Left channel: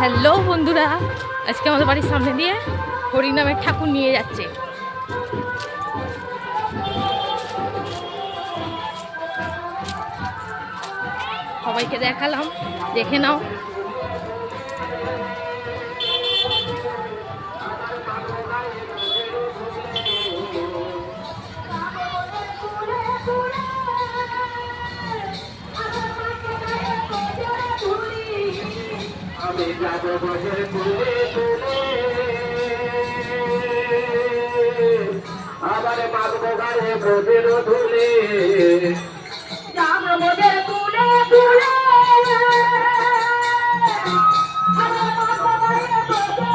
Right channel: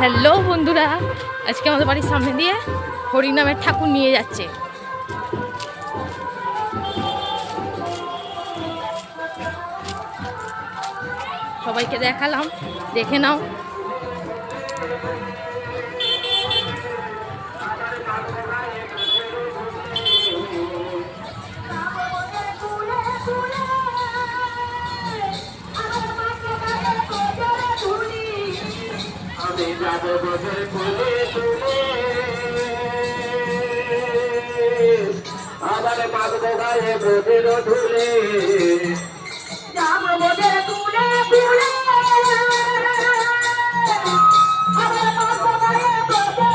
Hello বন্ধুরা, আজকে আমাদের বাড়ির সামনে দিয়ে হরিনামের ঠাকুর নিয়ে যাচ্ছে। সবাইকে দেখালাম, দেখে নাও।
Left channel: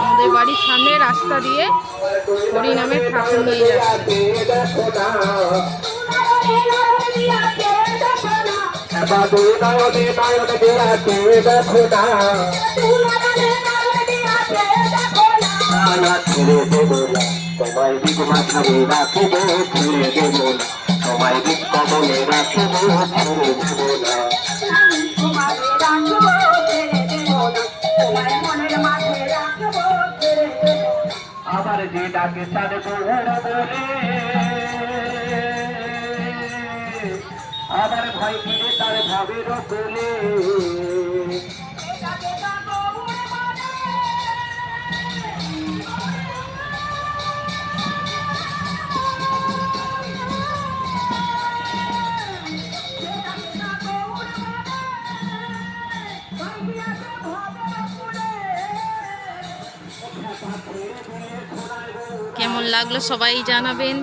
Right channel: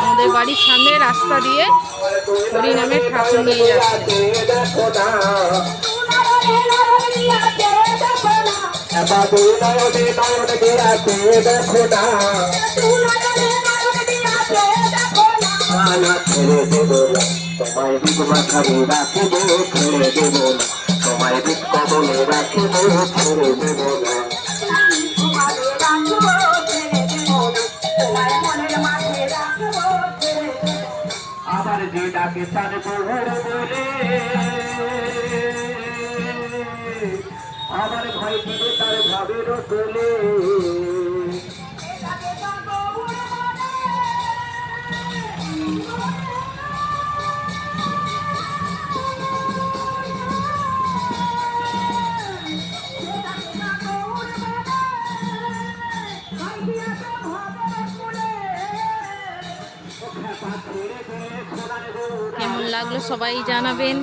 আমাদের বাড়ির সামনে রাস্তা দিয়ে হরিনামের ঠাকুর নিয়ে যাচ্ছে। তোমায় দিক মাথাবে রাখিব ছেড়ে দেব না তোমায় দিক আবার যে ডাকে তার দৌড় তার ভাবের তোলে কেমন লাগল সবাই জানাবেন।